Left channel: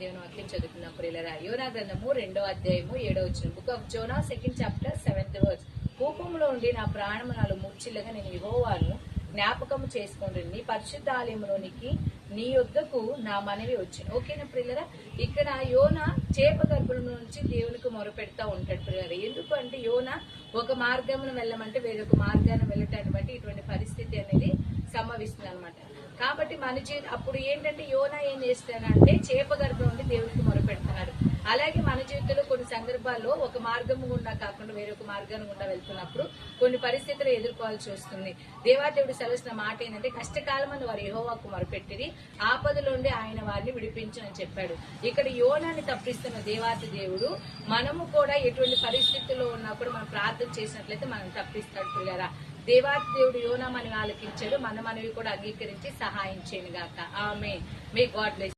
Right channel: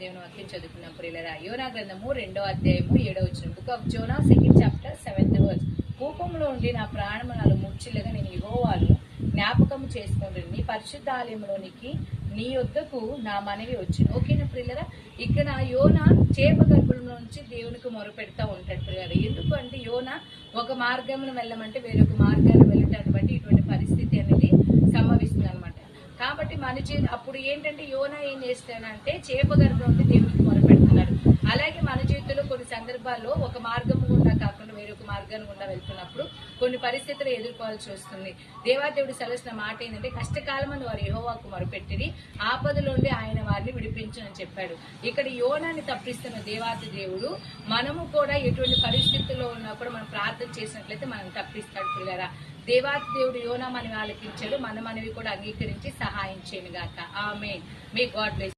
దేవుని వాక్యం చదువుకున్నాం ప్రియులరా. యోనా గ్రంథము 2వ అధ్యాయము 7వ వచనం. Book of Zona 2nd chapter 7th verse. కోపంలో ఉండి నా ప్రాణము నాలో మూర్ఛిల్లగా నేను యెహోవాను జ్ఞాపకము చేసుకొని నీ పరిశుద్ధ ఆలయంలోనికి నీ యొద్దకు నా మనవి వచ్చింది. ఓకేనా ప్రియులరా. ఇక్కడ యోనా చేప గర్భంలో నుంచి దేవునికి మొరపెడతా ఉంటాడు ప్రియులరా. ఎందుకు అంటే యోనా ఒక మార్గమును వెళ్ళమంటే వేరొక మార్గాన్ని వెళ్ళేటటువంటి ఇటువంటి పరిస్థితి అనేది సంభవిస్తుంది అనమాట. కాబట్టి అప్పుడు ఏంటంటే యోనా ఏం చేస్తాడంటే చేప గర్భం నుండి దేవునికి మొరపెడుతున్నాడు. అలాగే మన జీవితంలో కొన్ని సందర్భాల్లో ఒక మార్గం గుండా కాకుండా వేరొక మార్గం గుండా వెళ్తున్నప్పుడు కొన్ని పరిస్థితులు ఎదుర్కోవాల్సి వస్తుంది. దేవాదేవుడు సెలవుసిన మాట ఏంటంటే కష్టకాలమని వారు యెహోవాకు మొరపెట్టిరి, ఆపదలోండి ఆయన వారిని విడిపించని చెప్పాడు. ఇక్కడ యోనాన్ని తప్పిస్తున్న దేవాది దేవుడు మనము కూడా ఎటువంటి పరిస్థితుల్లో ఉన్నా కూడా మనం ప్రార్థన చేసినట్లయితే మనం తప్పిస్తాడు పిల్లరా. దేవాది దేవుడు యోనా మనవి ఆలకించాడు, మనవి కూడా అంగీకరించి సహాయం చేయను గాక. ఆమేన్. May God bless.